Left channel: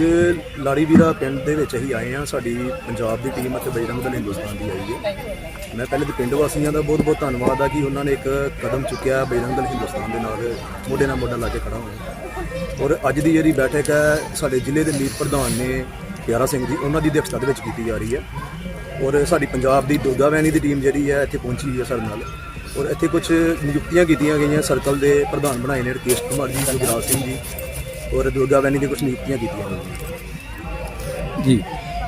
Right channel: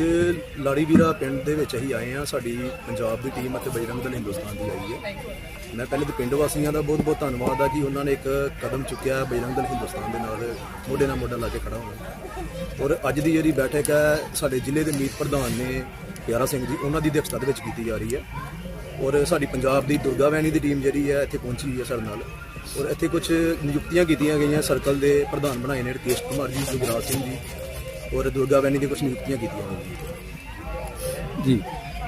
ਅੱਜ ਲਾੜੀਵੀਰਾ ਪਿੰਡ ਦੇ ਵਿੱਚ ਅਸੀਂ ਆਏ ਆ ਸਾਡੀ ਪੰਜਾਬ ਦੀ ਟੀਮ ਅਤੇ ਬਜਰੰਗ ਦਲ ਹਿੰਦੁਸਤਾਨ ਦੀ ਆਈ ਹੈ। ਮੈਂ ਪਹਿਲੇ ਤਾਂ ਪਿੰਡ ਵਾਸੀਆਂ ਦਾ ਬਹੁਤ ਬਹੁਤ ਧੰਨਵਾਦ ਆ ਕਿ ਉਹਨਾਂ ਨੇ ਇੱਕ ਕਦਮ ਚੁੱਕਿਆ ਬਜਰੰਗ ਦਲ ਹਿੰਦੁਸਤਾਨ ਦੇ ਨਾਲ ਮੋਢੇ ਨਾਲ ਮੋਢਾ ਲਾ ਕੇ ਖੜਾ ਹੋਇਆ ਔਰ ਅੱਜ ਦੀ ਜਿਹੜੀ ਬੈਠਕ ਹੈ, ਸਾਡੇ ਜ਼ਿਲ੍ਹੇ ਦੇ ਮੀਤ ਪ੍ਰਧਾਨ ਨੇ ਪਿਆਰਾ ਸਿੰਘ ਜੀ, ਉਹਨਾਂ ਦੀ ਅਧਿਕਸ਼ਤਾ ਦੇ ਵਿੱਚ ਕੀਤੀ ਜਾ ਰਹੀ ਹੈ। ਔਰ ਸਾਡੀ ਪੰਜਾਬ ਦੀ ਦੋਦਾ ਵੈਣੀ ਦੀ ਟੀਮ ਜਿਹੜੀ ਹੈ, ਇੱਥੇ ਪਹੁੰਚੀ ਹੋਈ ਹੈ ਸਾਡੇ ਨਾਲ। ਔਰ ਇੱਥੇ ਕੁਝ ਨਿਯੁਕਤੀਆਂ ਕੀਤੀਆਂ ਗਈਆਂ ਸਰਕਲ ਦੇ ਪ੍ਰਧਾਨ ਬਣਾਏ ਨੇ ਰਕੇਸ਼ ਕੁਮਾਰ ਜੀ ਗੁਰਦਾਸ ਸਿੰਘ ਜੀ। ਔਰ ਦੁਰਗਾ ਵੈਣੀ ਦੀ ਕੁਝ ਨਿਯੁਕਤੀਆਂ ਕੀਤੀਆਂ ਗਈਆਂ। ਜੀ।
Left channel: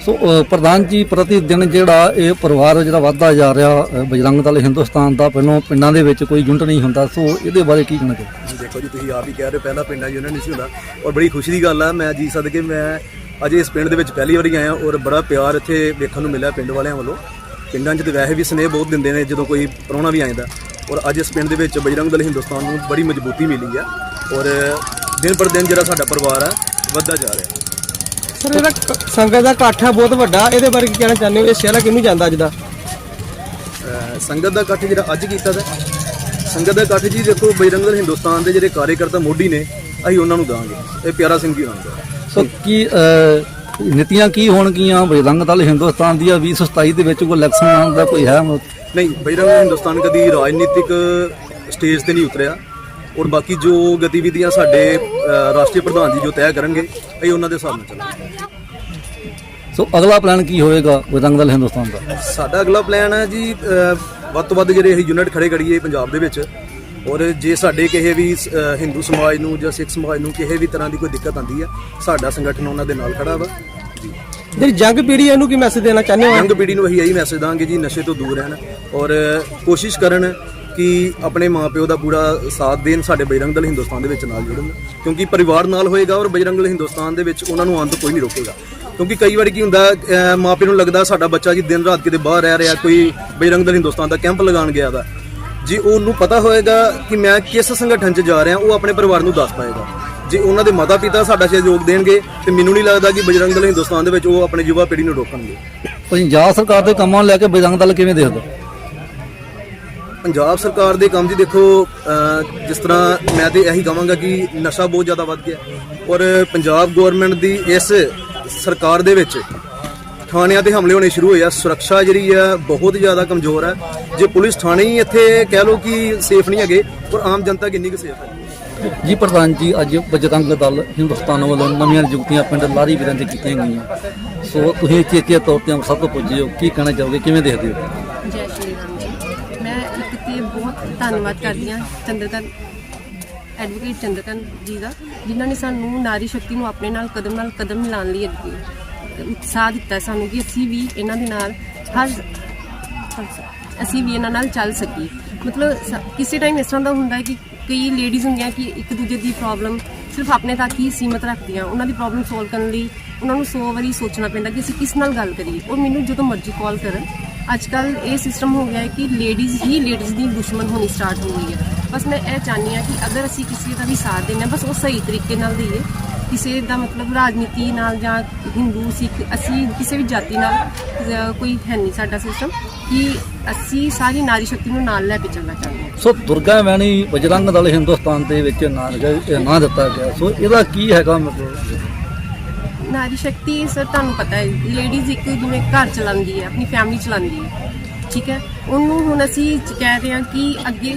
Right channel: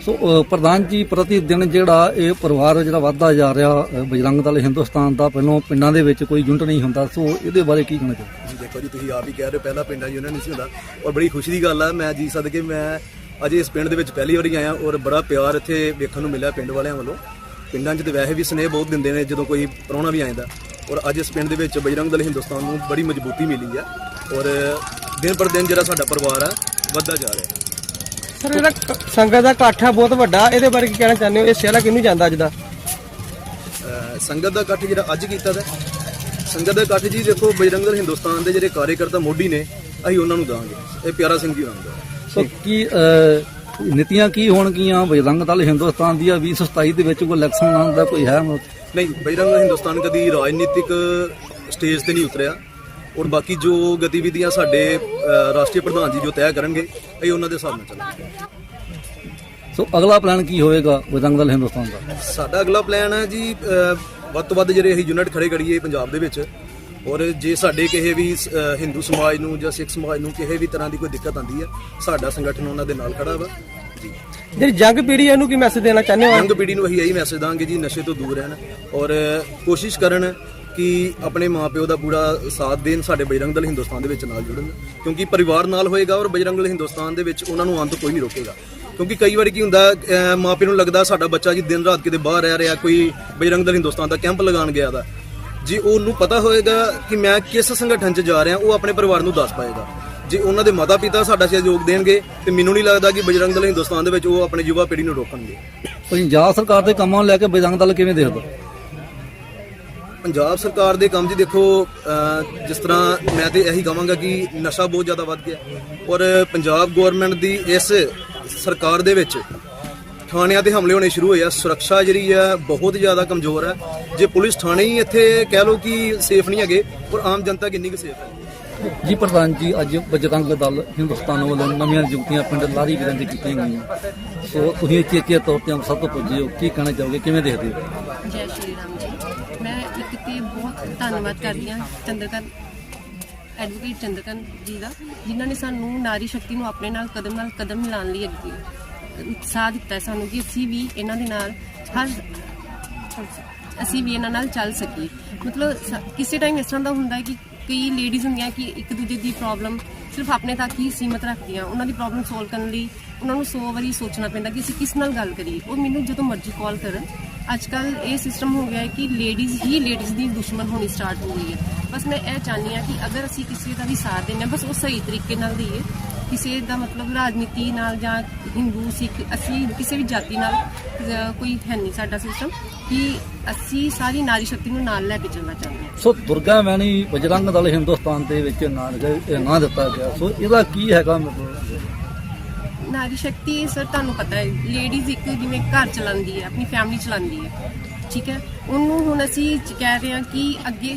ਸੋ ਪ੍ਰਧਾਨ ਜੀ ਪ੍ਰਤੀ ਦਿਨ ਜਿਹੜਾ ਇਹ ਪਰਿਵਾਰ ਜਿਹੜਾ ਵੱਧਦਾ ਜਾ ਰਿਹਾ ਬਜਰੰਗ ਦਲ ਹਿੰਦੁਸਤਾਨ ਦਾ ਪਹਿਲਾਂ ਪਿੰਡਾਂ ਦੇ ਵਿੱਚ ਕੋਈ ਯੂਨਿਟ ਨਹੀਂ ਹੁੰਦਾ। ਸੋ ਇਹਦੇ ਬਾਰੇ ਕੀ ਕਹਿਣਾ ਚਾਹੀਦਾ ਜੀ ਦੇਖੋ ਜੀ ਤੁਸੀਂ ਆਪ ਹੀ ਕਹਿ ਰਹੇ ਪਹਿਲਾਂ ਪਿੰਡਾਂ ਉਹਨਾਂ ਨਹੀਂ ਸੀ ਹੁੰਦਾ। ਔਰ ਬੜੀ ਖੁਸ਼ੀ ਦੀ ਗੱਲ ਆ ਮੈਂ ਜੀ ਸਦਕੇ ਮੈਂ ਅਜੇ ਇਸ ਪਿੰਡ ਦੇ ਵਿੱਚ ਪਹਿਲੀ ਵਾਰੀ ਆਇਆ ਔਰ ਬੜਾ ਪਿਆਰ ਇੱਥੇ ਵੇਖਣ ਨੂੰ ਮਿਲਿਆ ਪਿੰਡ ਵਾਲਿਆਂ ਵੱਲੋਂ। ਪਿੰਡਾਂ 'ਚ ਤੇ ਵੈਸੇ ਵੀ ਸਨੇਹ ਬਹੁਤ ਦਿੰਦੇ ਨੇ ਜਦੋਂ ਕੋਈ ਪ੍ਰਾਹੁਣਾ ਵੀ ਆਉਂਦਾ ਔਰ ਅੱਜ ਇਸ ਪਿੰਡ ਦੇ ਵਿੱਚ ਬਜਰੰਗ ਦਲ ਹਿੰਦੁਸਤਾਨ ਨੂੰ ਬੜੀ ਮਜ਼ਬੂਤੀ ਮਿਲੀ ਆ। ਔਰ ਦਿਨ ਪਰ ਦਿਨ ਜਿਹੜਾ ਸਾਡਾ ਪਰਿਵਾਰ ਆ ਵੱਧਦਾ ਜਾ ਰਿਹਾ। ਸਰ ਇਹਦਾ ਸੰਗਤ ਦਾ ਇਕੱਠ ਬਹੁਤ ਵੱਡਾ। ਇਹਦੇ ਬਾਰੇ ਕੀ ਕਹਿਣਾ ਚਾਹੁੰਦੇ ਹੋ? ਇਹ ਸਿਹਰਾ ਕਿਹਨੂੰ ਜਾਂਦਾ ਅੱਜ ਦਾ? ਅਹ ਸੰਗਤ ਦਾ ਇਕੱਠ ਜਿਹੜਾ ਅੱਜ ਕੀਤਾ ਦਾ ਸੰਗਤ ਦਾ ਇਕੱਠ ਜੀ ਦੇਖੋ ਬਜਰੰਗ ਦਲ ਹਿੰਦੁਸਤਾਨ ਦੇ ਜਿਹੜੇ ਕਾਰਜਕਰਤਾ ਮੋਢੀ ਨੇ ਅਸੀਂ ਉਹਨਾਂ ਨੂੰ ਦਾਂਗੇ। ਇਹ ਪਿਆਰਾ ਸਿੰਘ ਜੀ ਉਹਨਾਂ ਨੂੰ। ਸੋ ਕੀ ਨੀਤੀਆਂ ਕੀ ਹੋਣਗੀਆਂ? ਬਜਰੰਗ ਦਲ ਹਿੰਦੁਸਤਾਨ ਦੀਆਂ 2027 ਦੇ ਵਿੱਚ ਕੋਈ ਇਲੈਕਸ਼ਨ ਆਉਣ ਦਾ ਕੋਈ ਹੈ? ਨਹੀਂ ਬਜਰੰਗ ਦਲ ਹਿੰਦੁਸਤਾਨ ਕਦੀ ਰਾਜਨੀਤਿਕ ਸਟੇਜ ਤੇ ਨਹੀਂ ਉਤਰਿਆ। ਔਰ ਬਾਕੀ ਜੋ ਗਤੀਵਿਧੀਆਂ ਸਾਡੇ ਰਾਸ਼ਟਰੀ ਪ੍ਰਧਾਨ ਜੀ ਜੋ ਤੈਅ ਕਰਨਗੇ ਇਹ ਉਹਨਾਂ ਦੇ ਹਿਸਾਬ ਨਾਲ ਸੋ ਅਗਲਾ ਪਲਾਨ ਕੀ ਹੋਏਗਾ ਬਜਰੰਗ ਦਲ ਹਿੰਦੁਸਤਾਨ ਦਾ? ਸਾਡਾ ਅਗਲਾ ਪਲਾਨ ਹੈ ਜੀ ਵੱਧ ਤੋਂ ਵੱਧ ਜਿਹੜੇ ਅਸੀਂ ਯੂਨਿਟ ਖੜੇ ਕਰੀਏ ਪੰਜਾਬ ਦੇ ਵਿੱਚ ਔਰ ਜੇ ਸਾਡੇ ਕਿਸੇ ਵੀ ਹਿੰਦੂ ਸਮਾਜ ਨੂੰ ਜਾਂ ਸਿੱਖ ਸਮਾਜ ਨੂੰ ਕਿਸੇ ਵੀ ਤਰ੍ਹਾਂ ਦੀ ਕੋਈ ਦਿੱਕਤ ਆਉਂਦੀ ਹੈ ਸਾਡਾ ਸੰਗਠਨ ਉਹਨਾਂ ਦੇ ਨਾਲ ਖੜਾ ਵਾ। ਜੀ। ਜਿਹੜੀ ਜੰਗ ਪੀੜ੍ਹੀ ਹੈ ਇਹਨੂੰ ਕੀ ਮੈਸੇਜ ਦੇਣਾ ਚਾਹੁੰਦੇ ਹੋ? ਯੰਗ ਪੀੜ੍ਹੀ ਨੂੰ ਅਸੀਂ ਇਹੀ ਮੈਸੇਜ ਦਾਂਗੇ ਜੀ ਨਸ਼ੇ ਤੋਂ ਦੂਰ ਰਹਿਣ ਔਰ ਕੋਸ਼ਿਸ਼ ਕਰਨ ਕਿ ਆਪਣੇ ਮਾਪਿਓ ਦਾ ਪੂਰਾ ਸਾਥ ਦੇਣ ਸਾਡੇ ਬਜਰੰਗ ਦਲ ਹਿੰਦੁਸਤਾਨ ਦੇ ਵਿੱਚ ਨਾਲ ਜੁੜਨ, ਕਿਉਂਕਿ ਪਰਿਵਾਰ ਨਾਲ ਹੋਏਗਾ ਔਰ ਬਜਰੰਗ ਦਲ ਹਿੰਦੁਸਤਾਨ ਦੇ ਵਿੱਚ ਉਹਨਾਂ ਨੂੰ ਆਉਣ ਤੋਂ ਕੋਈ ਨਹੀਂ ਰੋਕੇਗਾ। ਕਿਉਂਕਿ ਕਈ ਵਾਰੀ ਕੀ ਹੁੰਦਾ, ਅਹ ਮਾਪਿਆਂ ਨੂੰ ਲੱਗਦਾ ਸਾਡਾ ਬੱਚਾ ਜੀ ਦਿਨ ਰਾਤ ਕਿਤੇ ਬਾਹਰ ਰਹਿ ਰਿਹਾ, ਕੋਈ ਬਜਰੰਗ ਦਲ ਹਿੰਦੁਸਤਾਨ ਦਾ ਕੈਂਪ ਲਗਾਉਣ ਗਿਆ ਦਾ ਜੇ ਉਹਨੂੰ ਪਤਾ ਹੋਏਗਾ ਕਿ ਮੈਂ ਕਿਸ ਸੰਗਠਨ 'ਚ ਜਾ ਰਿਹਾ, ਉਹ ਆਪਣੇ ਪਰਿਵਾਰ ਨੂੰ ਦੱਸ ਪਾਏਗਾ। ਜੇ ਉਹਨਾਂ ਦੇ ਮਾਤਾ ਪਿਤਾ ਸਾਡਾ ਸਹਿਯੋਗ ਦੇਣਗੇ, ਤੇ ਮੈਨੂੰ ਨਹੀਂ ਲੱਗਦਾ ਕਿ ਬਜਰੰਗ ਦਲ ਹਿੰਦੁਸਤਾਨ ਦੇ ਵਿੱਚ ਉਹ ਆਪਣੇ ਯੁਵਾ ਪੀੜ੍ਹੀ ਨੂੰ ਰੋਕਣਗੇ। ਪੰਜਾਬ ਸਰਕਾਰ ਦੇ ਕੰਮਾਂ ਨੂੰ ਲੈ ਕੇ ਬਜਰੰਗ ਦਲ ਕਿਵੇਂ ਦੇਖਦਾ ਪੰਜਾਬ ਸਰਕਾਰ ਦੇ ਕੰਮ ਜੀ ਦੇਖੋ ਜਿਸ ਤਰ੍ਹਾਂ ਮੈਂ ਤੇ ਇਹੀ ਕਹਾਂਗਾ ਕਿ ਨਸ਼ਾ ਬਹੁਤ ਜ਼ਿਆਦਾ ਵੱਧ ਗਿਆ। ਔਰ ਪੰਜਾਬ ਗਵਰਨਮੈਂਟ ਦੀ ਇਸ ਸਰਕਾਰ ਦੇ ਵਿੱਚ ਥਾਣਿਆਂ ਤੇ ਹਮਲੇ ਹੋਣੇ ਸ਼ੁਰੂ ਹੋਏ ਆ। ਸੁਰੱਖਿਆ ਜਿਹੜੀ ਆ, ਬਹੁਤ ਜ਼ਿਆਦਾ ਕਮਜ਼ੋਰ ਹੈ ਜੇ ਪੁਲਿਸ ਥਾਣੇ ਹੀ ਇੱਥੇ ਕਹਿ ਲਓ ਕਿ ਸੇਫ ਨਹੀਂ ਹੈਗੇ ਔਰ ਆਮ ਜਨਤਾ ਕਿੰਨੀ ਕੁ ਸੇਫ ਹੈ ਜੀ ਪ੍ਰਧਾਨ ਜੀ, ਅੱਜ ਬਜਰੰਗ ਦਲ ਹਿੰਦੁਸਤਾਨ ਵੱਲੋਂ ਨਵੀਆਂ ਨਿਯੁਕਤੀਆਂ ਪਿੰਡ ਲਾਰੀ ਵੀਰਾਂ ਕੀਤੀਆਂ ਗਈਆਂ। ਸੋ ਤੁਸੀਂ ਇੱਥੇ ਤੌਰ ਤੇ ਸਭ ਤੋਂ ਪੁੱਜੇ ਹੋ, ਕੀ ਕਹਿਣਾ ਚਾਹੋਗੇ, ਕਿਵੇਂ ਦੇਖਦੇ ਹੋ? ਜੈ ਸ਼੍ਰੀ ਰਾਮ ਜੀ। ਮੈਂ ਇੱਕ ਤੇ ਬਹੁਤ ਧੰਨਵਾਦ ਕਰਦੀ ਹਾਂ ਚੰਦਰਕਨ ਐਡਵੋਕੇਟ ਚੰਦਰਕਾਂਤ ਜੀ ਦਾ, ਜਿਨ੍ਹਾਂ ਨੇ ਸਾਨੂੰ ਨਾਰੀ ਸ਼ਕਤੀ ਨੂੰ ਆਪਣੇ ਨਾਲ ਕਦਮ ਨਾਲ ਕਦਮ ਮਿਲਾਉਣ ਲਈ ਅੱਗੇ ਉਤਸ਼ਾਹ ਦਿੱਤਾ ਸਾਨੂੰ ਕਿ ਅਸੀਂ ਵੀ ਇਹਨਾਂ ਦੇ ਨਾਲ ਹਰ ਅਸੀਂ ਵੀ ਇਹਨਾਂ ਨਾਲ ਚੱਲ ਸਕੀਏ। ਮਤਲਬ ਕਿਸੇ ਟਾਈਮ ਇਸ ਤਰ੍ਹਾਂ ਦਾ ਹੁੰਦਾ ਹੈ ਕਿ ਕਈ ਲੇਡੀਜ਼ ਹੁੰਦੀਆਂ ਕਿ ਇੱਕ ਦੂਜੇ ਦੀ ਪ੍ਰੋਬਲਮ ਸਿਰਫ ਆਪਣੇ ਤੱਕ ਹੀ ਸੀਮਤ ਰੱਖਦੀਆਂ, ਉਹਨਾਂ ਦੀ ਪ੍ਰੋਬਲਮ ਸੋਲਵ ਕਰਨ ਲਈ ਉਹਨਾਂ ਨੂੰ 100 ਵਾਰੀ ਸੋਚਣਾ ਪੈਂਦਾ ਕਿ ਅਸੀਂ ਕਿਸ ਨਾਲ ਗੱਲ ਕਰੀਏ। ਉਹ ਮੈਨੂੰ ਜਦੋਂ ਮਰਜ਼ੀ ਕਾਲ ਕਰਨ। ਅੱਜ ਕੱਲ ਇਹ ਸਿਸਟਮ ਹੋ ਗਿਆ ਹੈ ਕਿ ਲੇਡੀਜ਼ ਹੀ ਲੇਡੀਜ਼ ਦੀ ਦੁਸ਼ਮਣ ਹੋਣੀ ਸਟਾਰਟ ਹੋ ਗਈ ਹੈ। ਬਸ ਮੈਂ ਇਹ ਚਾਹੁੰਦੀ ਹਾਂ ਕਿ ਅਗਰ ਅਸੀਂ ਕਿਸੇ ਦਾ ਵੀ ਸਾਥ ਦੇਣਾ ਬਸ ਉਹ ਸਹੀ ਤਰੀਕੇ ਨਾਲ ਦਈਏ ਕਿਸੇ ਦਾ ਮਤਲਬ ਰਾਜਨੀਤੀ ਨਾਲ ਜਾਂ ਹਿੰਦੂ ਸਿੱਖ ਅਸੀਂ ਕਿਸੇ ਵੀ ਜਾਤੀ ਨਾਲ ਕੋਈ ਹੈ ਨਹੀਂ ਸਾਡਾ ਸਿਸਟਮ ਕਿ ਅਸੀਂ ਸਾਰੀ ਨਾਰੀ ਸ਼ਕਤੀ ਨੂੰ ਨਾਲ ਲੈ ਕੇ ਚੱਲਣਾ ਚਾਹੁੰਦੇ ਹਾਂ। ਸੋ ਦੁਰਗਾ ਵੈਣੀ ਬਜਰੰਗ ਦਲ ਹਿੰਦੁਸਤਾਨ ਦੇ ਵਿੱਚ ਨਾਂ ਨਾਂ ਦਿੱਤਾ ਗਿਆ। ਸੋ ਇਹਦਾ ਕੀ ਹੈਗਾ ਮਤਲਬ? ਨਾਰੀ ਸ਼ਕਤੀ ਸਰ ਤੁਹਾਨੂੰ ਪਤਾ ਹੈ ਲੇਡੀਜ਼ ਇੱਕ ਜਿਵੇਂ ਘਰ ਚਲਾਉਂਦੀ ਹੈ ਆਪਣੀ ਫੈਮਿਲੀ ਚਲਾਉਂਦੀ ਹੈ ਠੀਕ ਹੈ? ਉਹਨੂੰ ਹੁਣ ਅਸੀਂ ਕਹਿ ਰਹੇ ਹਾਂ ਕਿ ਅੱਗੇ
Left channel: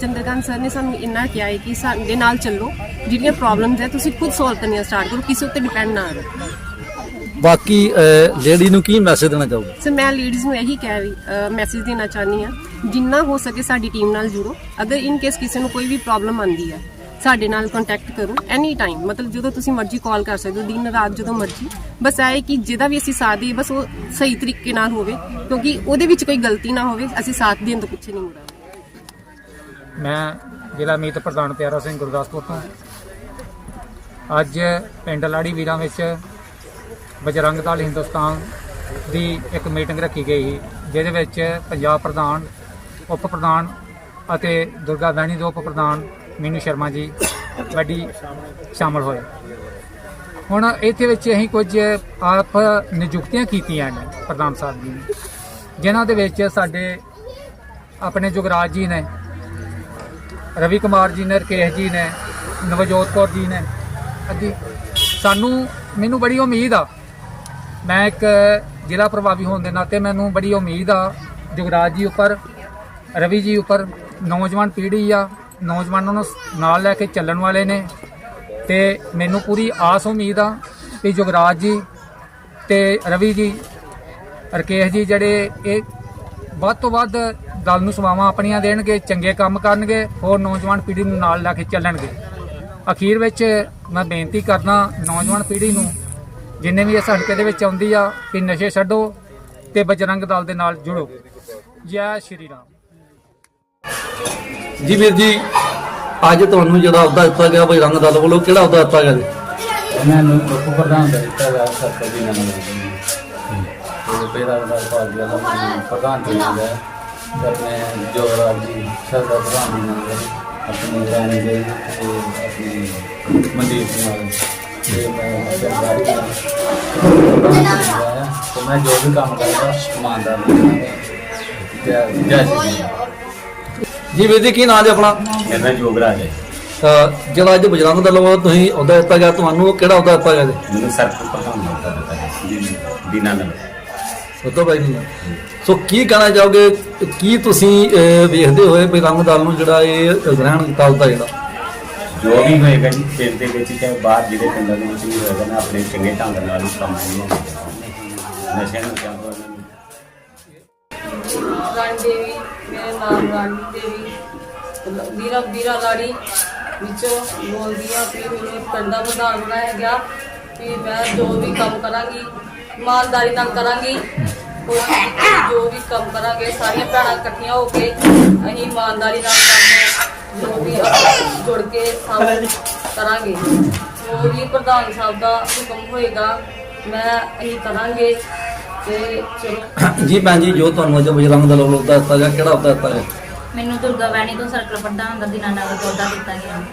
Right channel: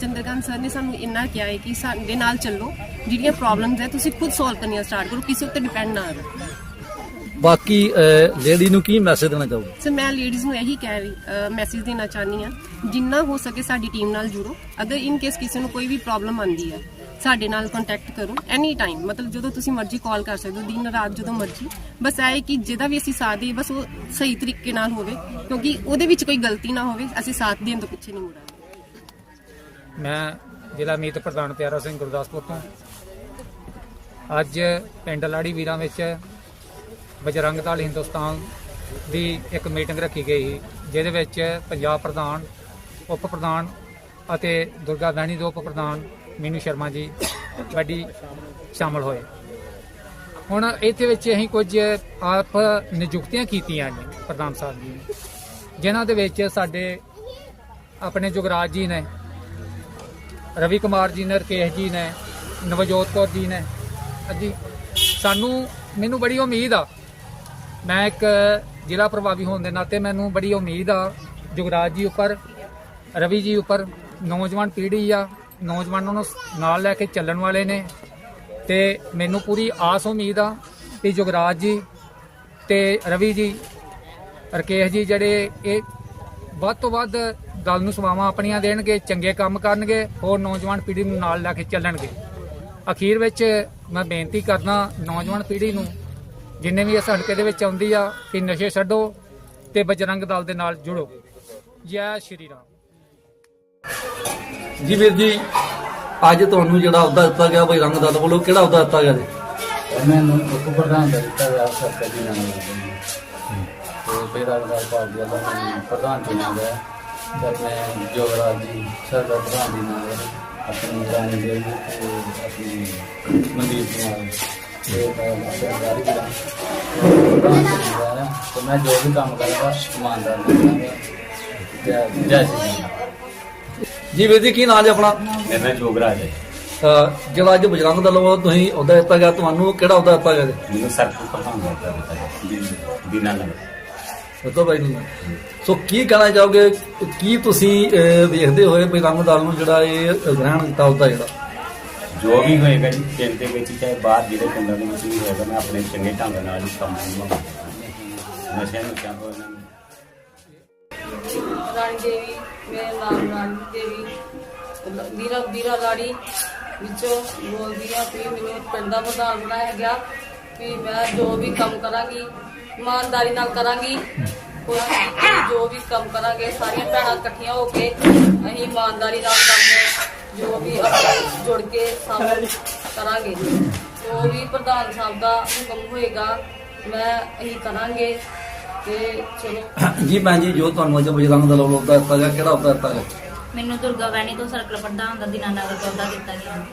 ਚੰਦਰਕਾਂਤ ਸਰ ਨੇ ਸਾਨੂੰ ਇੰਨਾ ਕਿਹਾ ਹੈ ਕਿ ਸਾਡੇ ਨਾਲ ਚੱਲੋ ਜਿਹੜੀਆਂ ਪ੍ਰੋਬਲਮਸ ਹੈ ਤੁਸੀਂ ਖੁਦ ਸੋਲਵ ਕਰਨੀਆਂ ਸਟਾਰਟ ਕਰੋ ਕਿਸੇ ਉੱਤੇ ਡਿਪੈਂਡ ਨਾ ਰਹੋ। ਬਾਕੀ ਲੇਡੀ ਨੂੰ ਕੀ ਮੈਸੇਜ ਦੇਣਾ ਚਾਹੋਗੇ? ਸੋ ਮੈਂ ਲੇਡੀਜ਼ ਨੂੰ ਇਹੀ ਕਹਿ ਰਹੀ ਮੈਸੇਜ ਦੇਣਾ ਚਾਹਨੀ ਆ ਜਿੰਨਾ ਹੋ ਸਕੇ ਸਾਡੀ ਟੀਮ ਨਾਲ ਜੁੜੋ। ਅਗਰ ਇਨ ਕੇਸ ਕਿਸੇ ਨੂੰ ਕੋਈ ਵੀ ਪ੍ਰੋਬਲਮ ਆਂਦੀ ਹੈ ਸਾਡੇ ਨਾਲ ਕੰਟੈਕਟ ਕਰੋ ਐਨੀ ਟਾਈਮ ਮਤਲਬ ਜਦੋਂ ਤੁਸੀਂ ਮਰਜ਼ੀ ਕਾਲ ਕਰ ਸਕਦੇ ਹੋ, ਦਿਨ, ਰਾਤ ਜਦੋਂ ਮਰਜ਼ੀ। ਬਸ ਇਹ ਹੈ ਕਿ ਜਿਹਦਾ ਵੀ ਅਸੀਂ ਸਾਥ ਦੇਈਏ, ਬਸ ਉਹ ਸਹੀ ਤਰੀਕੇ ਨਾਲ ਹੋਵੇ, ਕਿਉਂਕਿ ਉਹਦੇ ਵਿੱਚ ਕੋਈ ਗਲਤੀ ਨਾ ਹੋਵੇ, ਅਸੀਂ ਸਾਥ ਦੇਣ ਤੋਂ ਪਿੱਛੇ ਨਹੀਂ ਮੁੜਾਂਗੇ। ਮੈਂ ਜ਼ਿਲ੍ਹਾ ਮੀਤ ਪ੍ਰਧਾਨ ਪਿਆਰਾ ਸਿੰਘ ਗੁਰਦਾਸਪੁਰ ਤੋਂ। ਅੱਜ ਪਿੰਡ ਲਾੜੀ ਵੀਰਾਂ ਵਿੱਚ ਬਜਰੰਗ ਦਲ ਹਿੰਦੁਸਤਾਨ ਦੀ ਇੱਕ ਮੀਟਿੰਗ ਰੱਖੀ ਗਈ ਜਿਹਦੇ ਵਿੱਚ ਪੰਜਾਬ ਪ੍ਰਧਾਨ, ਉਪ ਪ੍ਰਧਾਨ ਅਤੇ ਦੁਰਗਾ ਬਹਿਣੀ ਦੇ ਉਪ ਪ੍ਰਧਾਨ ਮੀਨੂ ਸ਼ਰਮਾ ਜੀ ਵੱਡੀ ਸ਼ਾਮਲ ਹੋਏ। ਹੁਣ ਇੱਥੇ ਵਿੱਚ ਅਸੀਂ ਕੁਝ ਆਪ ਨਿਯੁਕਤੀਆਂ ਕੀਤੀਆਂ ਨੇ ਪ੍ਰਧਾਨ ਸਾਹਿਬ ਜੀ ਨੇ, ਜਿਨ੍ਹਾਂ ਦੇ ਵਿੱਚ ਸਾਡੇ ਆਪਣੇ ਜੁਗਰਾਜ ਜੀ ਨੇ, ਰਵੀ ਕੁਮਾਰ ਜੀ ਨੇ, ਰਕੇਸ਼ ਜੀ ਨੇ, ਨਵਜੋਤ ਕੌਰ ਜੀ ਨੇ। ਹਾਂਜੀ, ਸਾਨੂੰ ਮੈਨੂੰ ਬੜੀ ਉਮੀਦ ਆ, ਮੈਂ ਇੱਕ ਜ਼ਿਲ੍ਹਾ ਪ੍ਰਭਾਵੀ ਹੋਣ ਦੇ ਨਾਤੇ ਮੈਨੂੰ ਬੜੀ ਉਮੀਦ ਆ ਜੁਗਰਾਜ ਜੀ ਉੱਪਰ, ਰਵੀ ਜੀ ਉੱਪਰ, ਨੌਜਵਾਨ ਪੀੜ੍ਹੀ ਆ ਨੌਜਵਾਨਾਂ ਨੂੰ ਨਾਲ ਲੈ ਕੇ ਚੱਲਣ ਵਾਲੇ ਨੇ ਤੇ ਮੈਨੂੰ ਪੂਰੀ ਆਸ ਉਮੀਦ ਆ ਕਿ ਜੁਗਰਾਜ ਜੀ ਤੇ ਰਵੀ ਜੀ, ਰਕੇਸ਼ ਜੀ ਜਿਹੜੇ ਇਹ ਵੱਧ ਤੋਂ ਵੱਧ ਦਲ ਨੂੰ ਸੇਵਾਵਾਂ ਆਪਣੀਆਂ ਦੇਣਗੇ, ਚੰਗੇ ਕੰਮ ਕਰਨਗੇ, ਹੋਰ ਨੌਜਵਾਨ ਪੀੜ੍ਹੀ ਨੂੰ ਨਾਲ ਲੈ ਕੇ ਚੱਲਣਗੇ। ਅਖੀਰ ਵਿੱਚ ਮੈਂ ਬੇਨਤੀ ਕਰਦਾ ਨੌਜਵਾਨ ਪੀੜ੍ਹੀ ਨੂੰ, ਜਿੰਨੇ ਵੀ ਇਸ ਹਲਕੇ ਦੇ ਵਿੱਚ ਆਉਂਦੀ ਆ, ਕਿ ਨਸ਼ੇ ਛੱਡੋ ਤੇ ਬਜਰੰਗ ਦਲ ਦੇ ਨਾਲ ਜੁੜੋ। ਜੈ ਸ਼੍ਰੀ ਰਾਮ। ਜੀ ਵੀਰ ਜੀ, ਅੱਜ ਤੁਹਾਨੂੰ ਜਿਹੜਾ ਅਹੁਦਾ ਦਿੱਤਾ ਗਿਆ ਬਈ ਰੰਗ ਦਲ ਵੱਲੋਂ, ਕਿਹੜਾ ਅਹੁਦਾ ਦਿੱਤਾ ਗਿਆ ਜੀ? ਇਹਨਾਂ ਨੂੰ ਉਪ ਪ੍ਰਧਾਨ ਦਾ ਦਿੱਤਾ ਜਾ ਸਕਦਾ ਜੀ। ਨਾਮ ਉਹ ਬੇੜਾ ਦਾ ਪਾਰਟੀ ਵਾਲਾ ਨੂੰ ਪ੍ਰਧਾਨ ਚੁਣਿਆ ਗਿਆ ਤੇ ਆਪਣੇ ਜੋ ਰਾਜੀ ਸਰਦਾ ਪ੍ਰਧਾਨ ਦੇ ਨਾਲ ਆਪਣੀ ਰਾਣੀ ਦੇ ਤੇ ਆਪਣੀ ਮਨਦੀਪ ਮੈਂ ਜੋ ਵੀ ਕੰਮ ਕਰਦਾ ਇਮਾਨਦਾਰ ਜੈ ਜੈ। ਜੀ ਵੀਰ ਜੀ ਕੀ ਨਾਮ ਜੀ ਆਪਣਾ? ਮੈਂ ਜੋਗਰਾਜ ਹੈ ਅਹ ਜਿਹੜਾ ਅੱਜ ਬਜਰੰਗ ਦਲ ਵੱਲੋਂ ਤੁਸੀਂ ਅਹੁਦਾ ਦਿੱਤਾ ਗਿਆ ਤੁਹਾਨੂੰ ਉਹ ਕਿਹੜਾ ਅਹੁਦਾ ਦਿੱਤਾ ਗਿਆ ਜੀ? ਮੈਨੂੰ ਸਰਕਲ ਪ੍ਰਧਾਨ ਦਾ ਦਿੱਤਾ ਹੈ ਨਗਰ ਸਤੋ ਬਾਈ ਜੀ। ਸੋ ਕੀ ਕਹਿਣਾ ਚਾਹੋਗੇ ਕੀ ਤੁਸੀਂ ਅਹ, ਵੇਖਦੇ ਹੋਏ ਬਜਰੰਗ ਦਲ ਨੂੰ ਜਿਹੜਾ ਇਹ ਗ੍ਰਹਿਣ ਕੀਤਾ ਹੁੰਦਾ ਜਿਹੜਾ? ਜੋ ਵੀ ਹੋਏਗਾ ਜੀ ਪਿੰਡ ਦੇ ਵਿੱਚ ਚਾਹੇ ਬਾਹਰ ਜਿਹੜੇ ਪਿੰਡਾਂ ਦੇ ਵਿੱਚ ਵੀ ਹੋਏਗਾ ਨਾ ਆਪਣੇ ਚੰਗੇ ਢੰਗ ਨਾਲ ਉਹ ਕੰਮ ਕਰਨਾ ਨਸ਼ਿਆਂ ਨੂੰ ਕਰਨਾ ਰਾਣੀ ਦੇਵੀ ਮੇਰੇ ਨਾਮ ਰਾਣੀ ਦੇਵੀ ਵੀਰਾ ਵੀਰਾ ਲਾੜੀ ਵਿੱਚੋਂ ਬੋਲਦੀ ਆ ਕਿ ਮੈਨੂੰ ਕੰਡਾ ਪ੍ਰਧਾਨ ਬਣਾਇਆ ਗਿਆ ਵੀ ਮੈਂ ਜੋ ਵੀ ਕੰਮ ਕਰਾਂਗੀ ਇਮਾਨਦਾਰੀ ਨਾਲ ਕਰਾਂਗੀ ਜੋ ਵੀ ਕੰਮ ਕਰਾਂਗੇ ਸਾਰੀਆਂ ਭੈਣਾਂ ਇਕੱਠੀਆਂ ਹੋ ਕੇ ਅਸੀਂ ਇਮਾਨਦਾਰੀ ਨਾਲ ਕਰਨਾ ਜੋ ਵੀ ਜੁੜ ਕੇ ਸਭ ਕਰਾਂਗੇ। ਜੋ ਵੀ ਪ੍ਰਧਾਨ ਸਾਹਿਬ ਦਾ ਹੁਕਮ ਹੋਏਗਾ ਮੈਂ ਅਸੀਂ ਕਰਾਂਗੇ। ਤੇ ਜੀ ਭੈਣ ਜੀ ਜੋ ਤੁਹਾਨੂੰ ਅੱਜ ਬਜਰੰਗ ਦਲ ਵੱਲੋਂ ਅਹੁਦਾ ਦਿੱਤਾ ਗਿਆ ਕਿਹੜਾ ਅਹੁਦਾ ਦਿੱਤਾ ਗਿਆ? ਮੈਨੂੰ ਦੁਰਗਾ ਵੈਣੀ ਤੋਂ ਸਰਕਲ ਪ੍ਰਧਾਨ ਦਾ ਤੋਂ ਅਹੁਦਾ ਦਿੱਤਾ ਗਿਆ।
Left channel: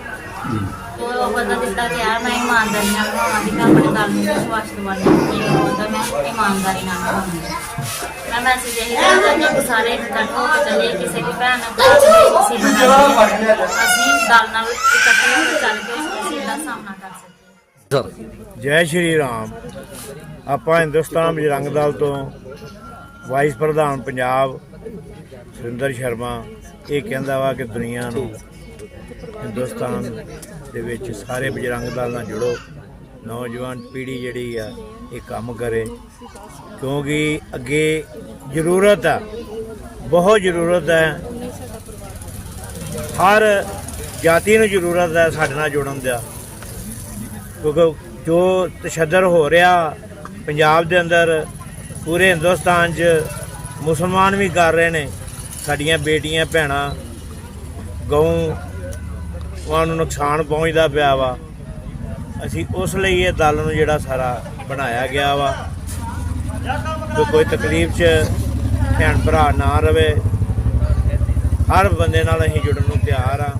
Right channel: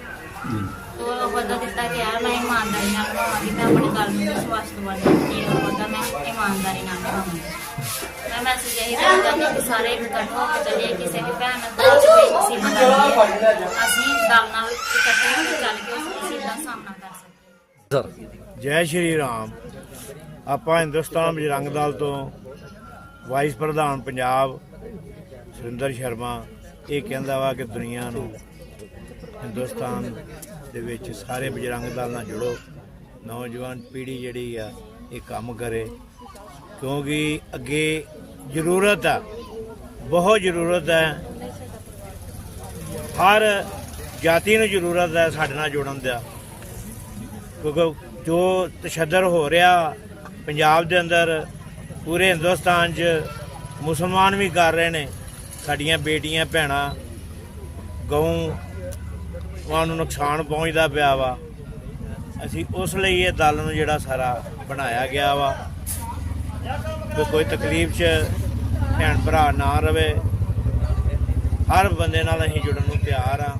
ਜੀ। ਤੋਂ ਉਹ ਅਹੁਦਾ ਦਿੱਤਾ ਗਿਆ ਮੈਂ ਇਮਾਨਦਾਰੀ ਨਾਲ ਨਿਭਾਵਾਂਗੀ ਮੈਂ ਆਪਣੇ ਦਲ ਨੂੰ ਵਿਸ਼ਵਾਸ ਦਵਾਉਂਦੀ ਕਿ ਇਹ ਅਹੁਦਾ ਮੈਂ ਇਮਾਨਦਾਰੀ ਨਾਲ ਨਿਭਾਵਾਂਗੀ ਮੈਂ ਮੈਸੇਜ ਇਹੀ ਦੇਣਾ ਚਾਹੁੰਦੀ ਹਾਂ ਕਿ ਸਾਰੇ ਇਕੱਠ ਹੋ ਕੇ ਚੱਲੀਏ ਕਿਸੇ ਵੀ ਭੈਣ ਨਾਲ ਕੋਈ ਕਿਸੇ ਨਾਲ ਲੜੀਏ। ਅਸੀਂ ਦਲ ਨਾਲ ਇਕੱਠੇ ਹੋ ਕੇ ਚੱਲ ਕੇ ਅਸੀਂ ਇਹਦਾ ਸਾਹਮਣਾ ਕਰ ਸਕੀਏ। ਸਰ। ਜੈ ਸ਼੍ਰੀ ਰਾਮ। ਆਪਾਂ ਹਿੰਦੁਸਤਾਨ ਬਜਰੰਗ ਦਲ ਤੋਂ ਵਾਈਸ ਪ੍ਰਧਾਨ ਪੰਜਾਬ ਸੁਰਿੰਦਰ ਸ਼ਰਮਾ, ਇਹ ਕਹਿੰਦਾ ਵਾ ਕਿ ਦੁਨੀਆ ਨੂੰ ਹਿੰਦੁਸਤਾਨ ਦੇ ਵਿੱਚ ਸਾਰੇ ਬਜਰੰਗ ਦਲ ਨਾਲ ਜੁੜੋ। ਨੌਜਵਾਨ ਪੀੜ੍ਹੀ ਜਿਹੜੀ ਆ, ਇਹ ਕੰਮ ਕਰੇ। ਕਿਉਂਕਿ ਅੱਗੇ ਜ਼ਰੂਰਤ ਆ, ਬਹੁਤ ਜ਼ਰੂਰਤ ਹੈ ਹਰ ਜਾਤੀ ਨੂੰ ਜ਼ਰੂਰਤ ਹੈ ਸਾਡੇ ਨਾਲ ਜੁੜਨ ਦਾ। ਕਿਉਂਕਿ ਜੋ ਤਸ਼ੱਦਦ ਹੋ ਰਿਹਾ ਪੰਜਾਬ ਦੇ ਅੰਦਰ ਪੂਰੇ ਹਿੰਦੁਸਤਾਨ 'ਚ ਮੁਸਲਮਾਨ ਵੀ ਕਰ ਰਹੇ ਨੇ। ਸਾਡੀਆਂ ਬੇਟੀਆਂ, ਭੈਣਾਂ, ਗਊ, ਉਹਨਾਂ ਨੂੰ ਨੁਕਸਾਨ ਪਹੁੰਚਦਾ ਪਿਆ ਵਾ। ਅਸੀਂ ਉਸ ਲਈ ਇਹ ਦਲ ਨੂੰ ਜਿਹੜਾ ਸਾਰਾ ਬਣਾਇਆ ਗਿਆ ਵਾ। ਕਿ ਕੋਈ ਤਕਲੀਫ 'ਚ ਭੈਣ ਭਰਾ ਨਾ ਰਵੇ। ਹਰ ਬੰਦੇ ਨਾਲ ਅਸੀਂ ਜੁੜਨ ਨੂੰ ਤਿਆਰ ਆ।